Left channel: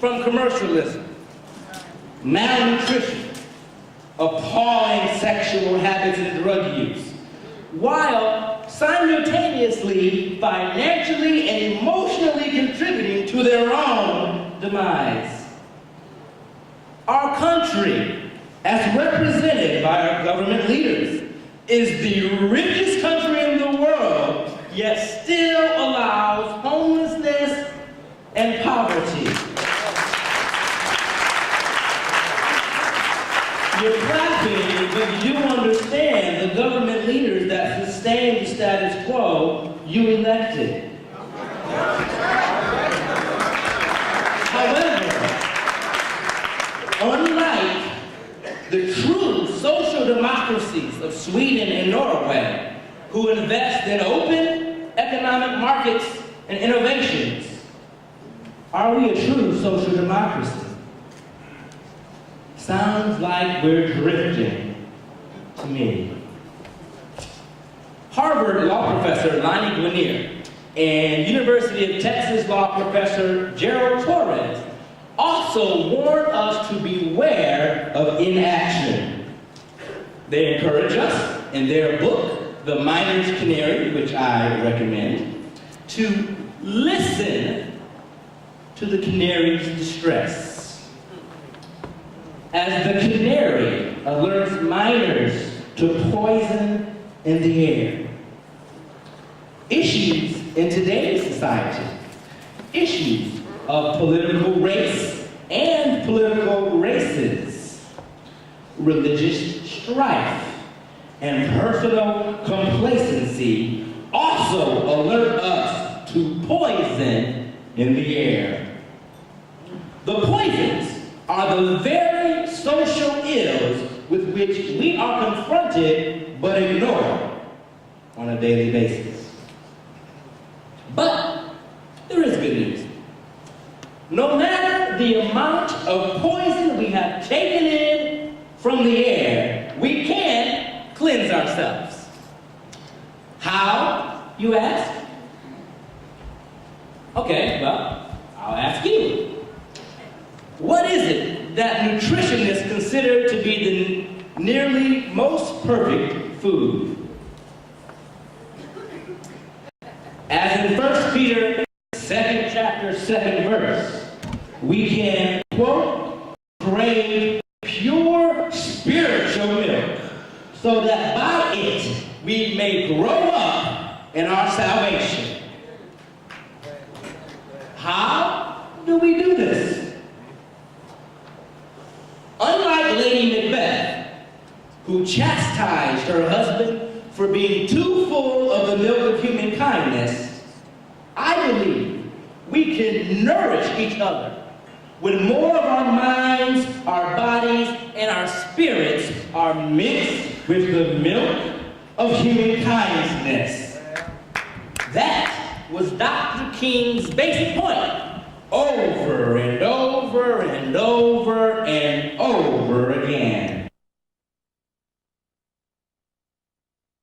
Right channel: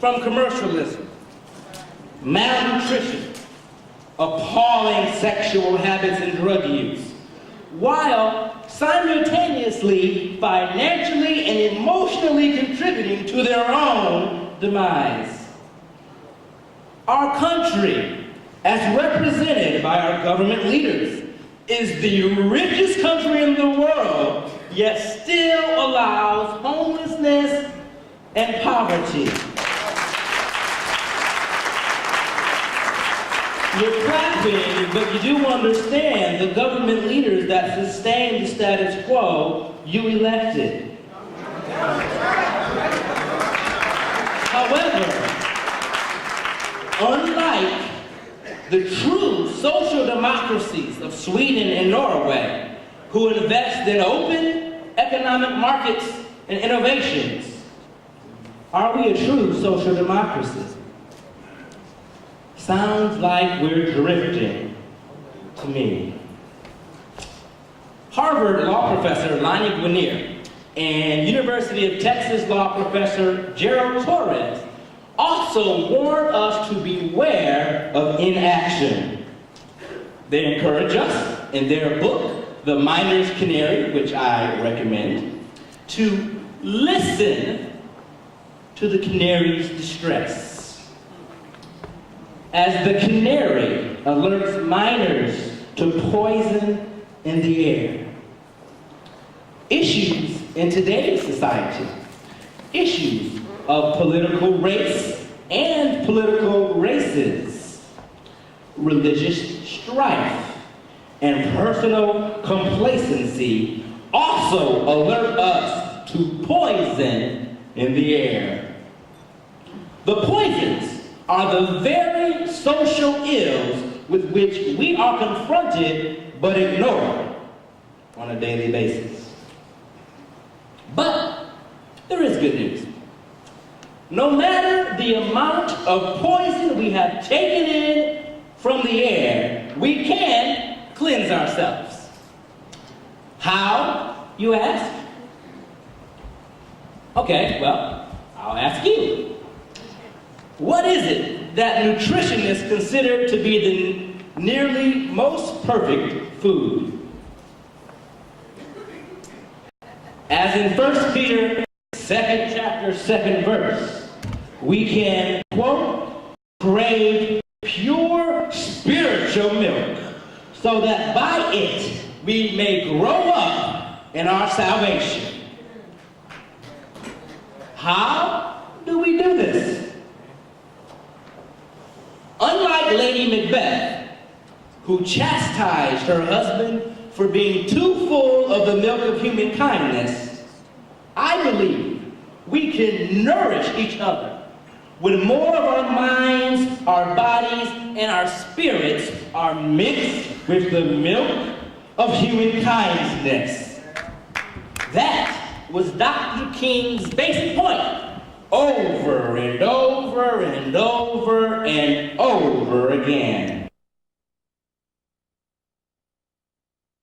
from commercialism, malnutrition, appalling sexual habits and drug use, while simultaneously financially and emotionally contributing to their own demise. Our country, as represented by our government leaders, is the richest country in the world, yet still allows homelessness and poverty. You're clapping, but you do understand the government leaders that sustain the status quo you elected. However, unlike the true social democracies of Sweden and Norway, who invest in open economic markets and innovations, are we a true social democracy? Sounds like we're drifting to me. Harvard law professor Lonnie Guinier and University of Texas law professor Gerald Torres also warn us to beware of inaction. They encourage us in their book, The Miner's Canary, which I recommend, to listen to the canary's distress. As the canary alerts miners to poison in the air. Issues in today's society, issues of political race and political races, religious strife, and personal complacency also alert us to poison in the air. The poisons are the very social ills with which we are confronted but ignored on a daily basis. But there is good news. No matter the amount of poison we have taken in from the air, we can cleanse ourselves. How, you ask? Okay, well, I'll ask you. What is it that nutritionists consider to be the nearly most perfect food? As in 1 Peter 2nd chapter 2nd verse, we can, quote, crave pure spiritual milk, so that by it we may grow up in our salvation. How do we do this? Unlike Lady Macbeth, who chastised her husband for being too full of the milk of human kindness, I believe we can nourish each other when more of our minds, our bodies, and our spirits are mixed with the milk of human kindness. That was Dr. King's basic point, over and over and over and over again.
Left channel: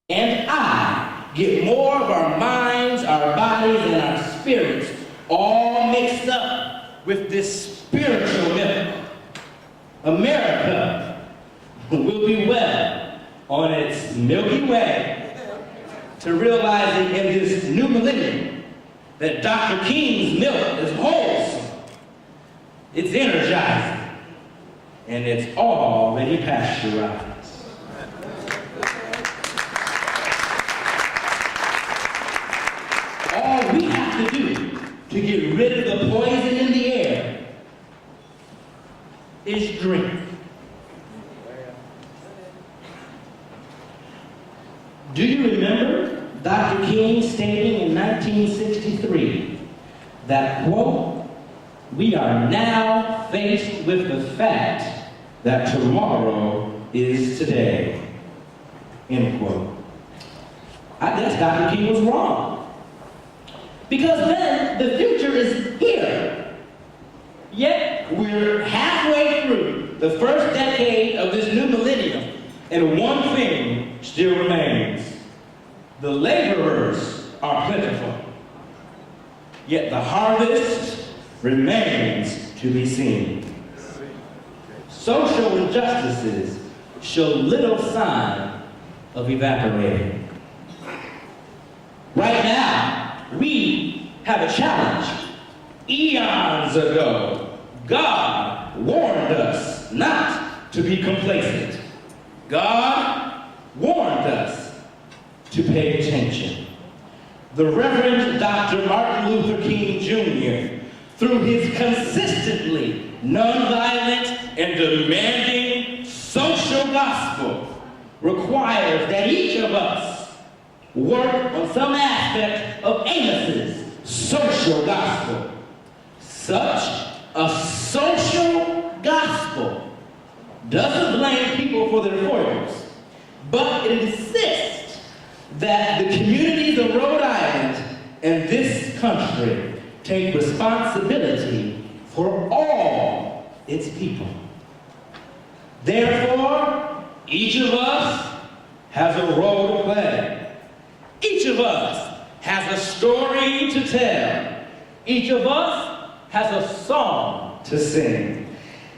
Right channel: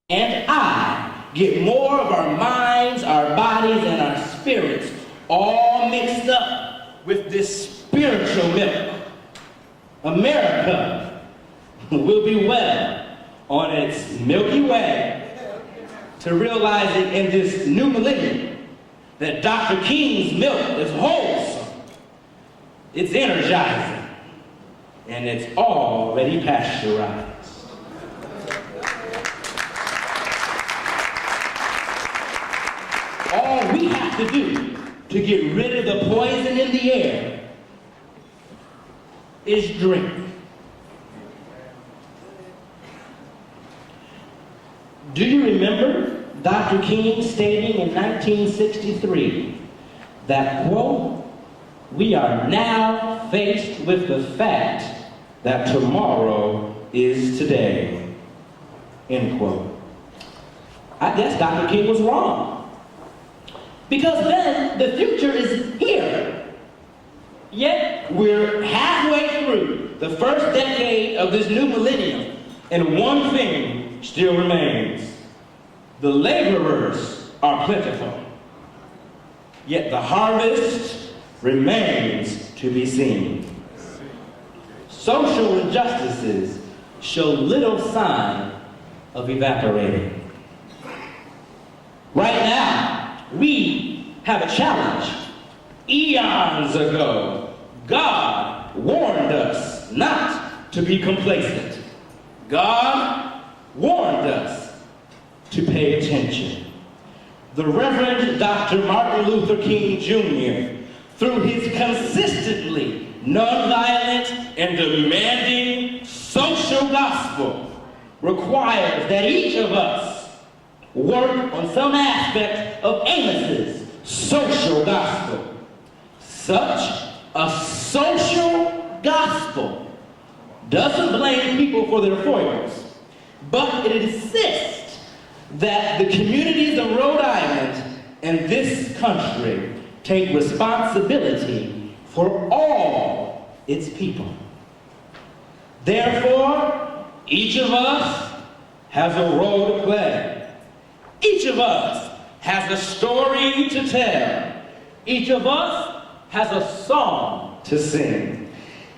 And I get more of our minds, our bodies, and our spirits all mixed up with this spiritual milk. America will be well on its Milky Way to realizing in this new millennium that Dr. King's milk is wholesome, it's energizing, and it's already pasteurized. All we have to do to get rid of the poison in the air is drink. Do you remember Dr. King stating in 1963 that, quote, we are now faced with the fact that tomorrow is today, end quote. I guess Dr. King was wrong. Because then the future is here. Yet we're halfway through the first decade of this new millennium, and one thing still remains. The laborers are plentiful, yet the harvest remains to be seen. Social injustices show little sign of evaporating. Right now, we have a challenge. Eons ago, God warned us not to be complacent. God warned us to pay attention. The Reverend Dr. Martin Luther King Jr., through his consistently nonviolent and demanding social gospel, requires that each of us work on some aspect of Amos's social gospel. Such a social gospel doesn't blame people for their foibles, but it insists that the communities of Rhode Island and this country take responsibility for all its people. Therefore, each of us has a role to play. Each of us has a story to tell. Each of us has a song to sing.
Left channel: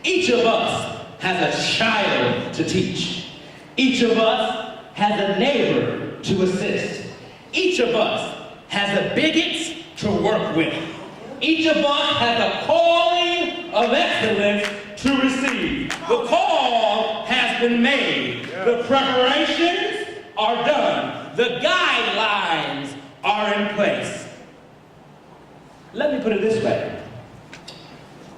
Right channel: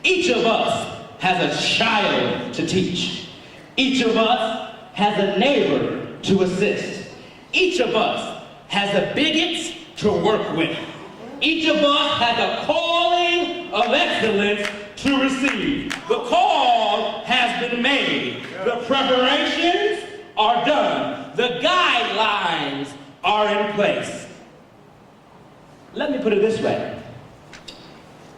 Each of us has a child to teach. Each of us has a neighbor to assist. Each of us has a bigot to work with. Each of us has a calling of excellence to receive. The call has been made. The preparations are done. The guidelines are in place. Let me put it this way.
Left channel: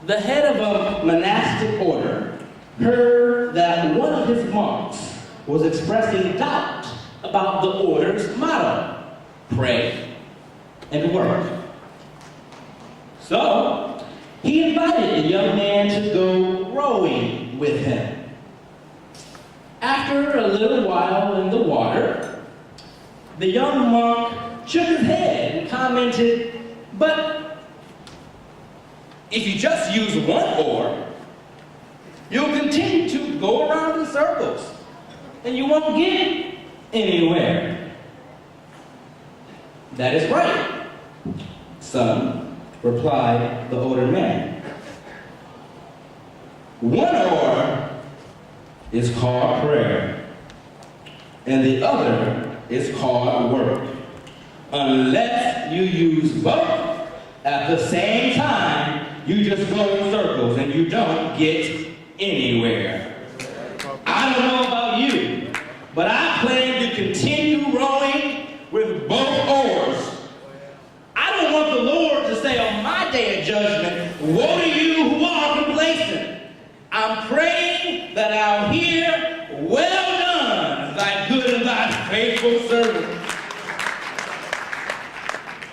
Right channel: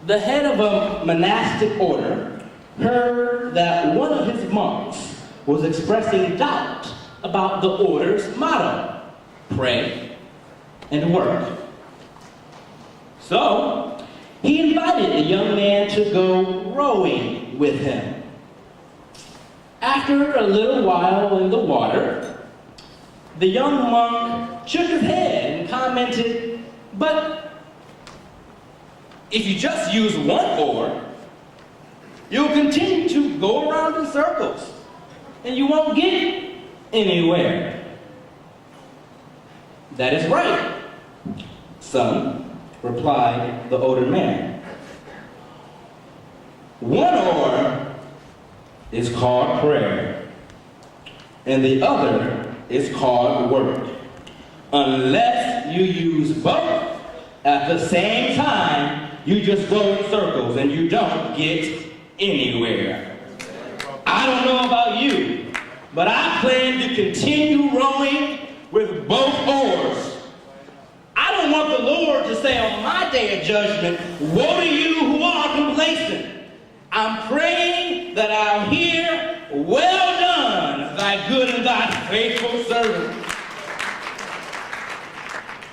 The head of a monastic order heard that one of his monks was expressing doubt about the order's motto, pray and work. So, he invited the young man to go rowing with him. After a little while in the water, the young monk shook his head and commented, "But if you just use one oar, you'll continue to go around in circles, and you won't get anywhere." "That is right, son," replied the older man. "One oar is called prayer, and the other is called work. Unless you use both at the same time, you just go in circles and you don't get anywhere." I don't know about you, but I plan to continue rowing with both oars. I don't want the Lord to say on my day of judgment, "Woe to you who are complacent." I'm praying that I'll hear, "Well done, thy good and thy faithful servant."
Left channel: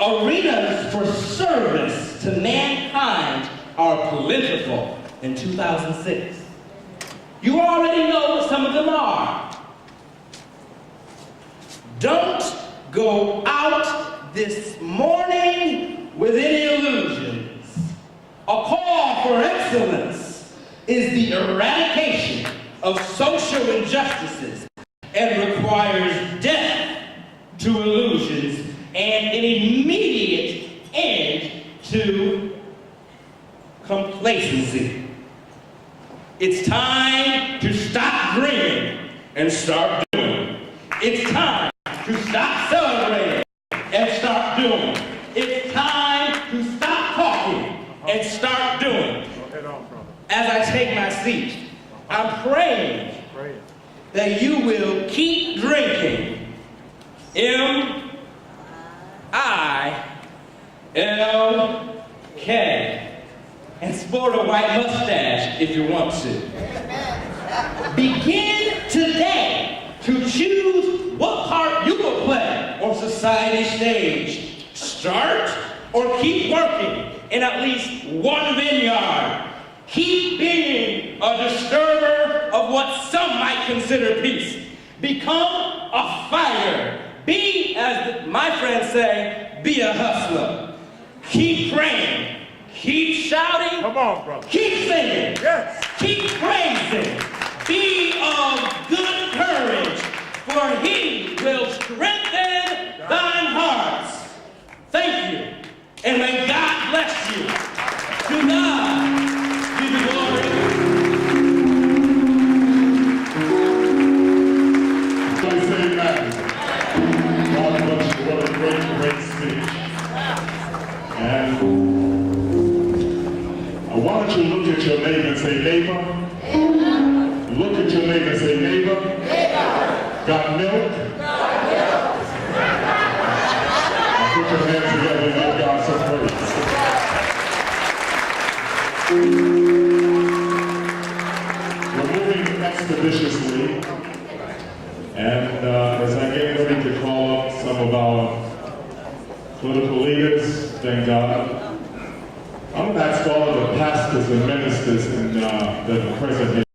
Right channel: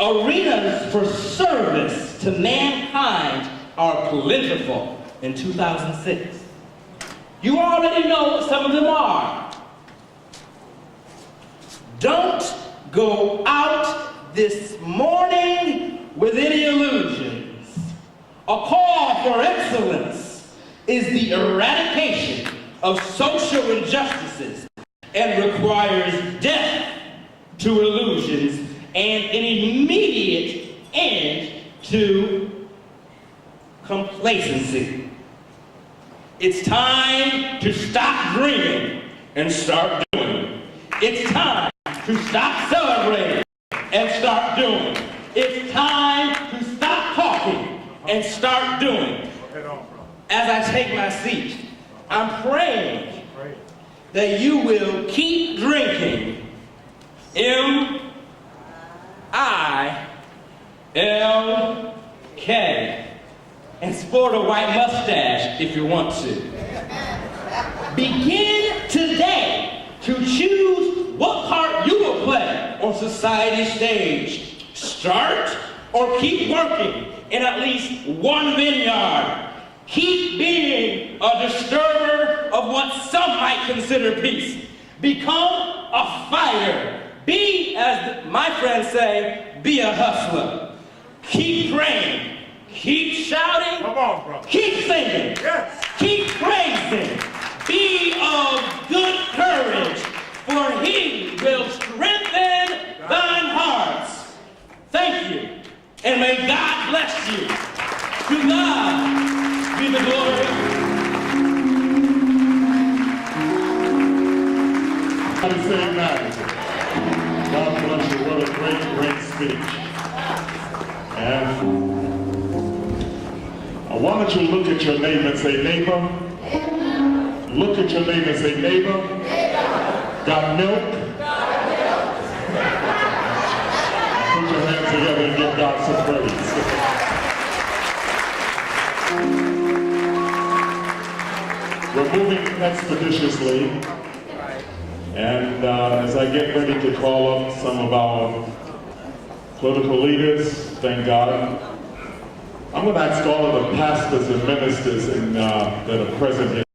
Arenas for service to mankind are plentiful in 2006. You already know what some of them are. Don't go out this morning with any illusions. A call for excellence is the eradication of social injustices and requires death to illusions and an immediate end to complacency. It's time to stop dreaming and start doing. It's time to stop celebrating and start doing. It's time to stop talking and start doing. As I take my seat, I'm praying that you will keep drinking M-I-L-K and sport a white mustache if you want to. Begin today to choose what part you will play on society's stage. Start or keep working in at least one vineyard. Keep being a disturber of what some might consider peace. Become a fighter. Be, as my friends say, be a hustler. Keep praying. Keep shouting. Come on, brother. Keep singing. Yes. Keep praising. Be of good courage, for he will strengthen thine hearts. Thank you, and may God bless you. To God And why don't you look at your neighbor and say, neighbor? Look at your neighbor and say, neighbor? Got milk? Put your hands together and give God some praise. We're moving expeditiously, and as I get ready to call up some of our political leaders, thank God, I'm going to ask all of the pastors and ministers that are present here.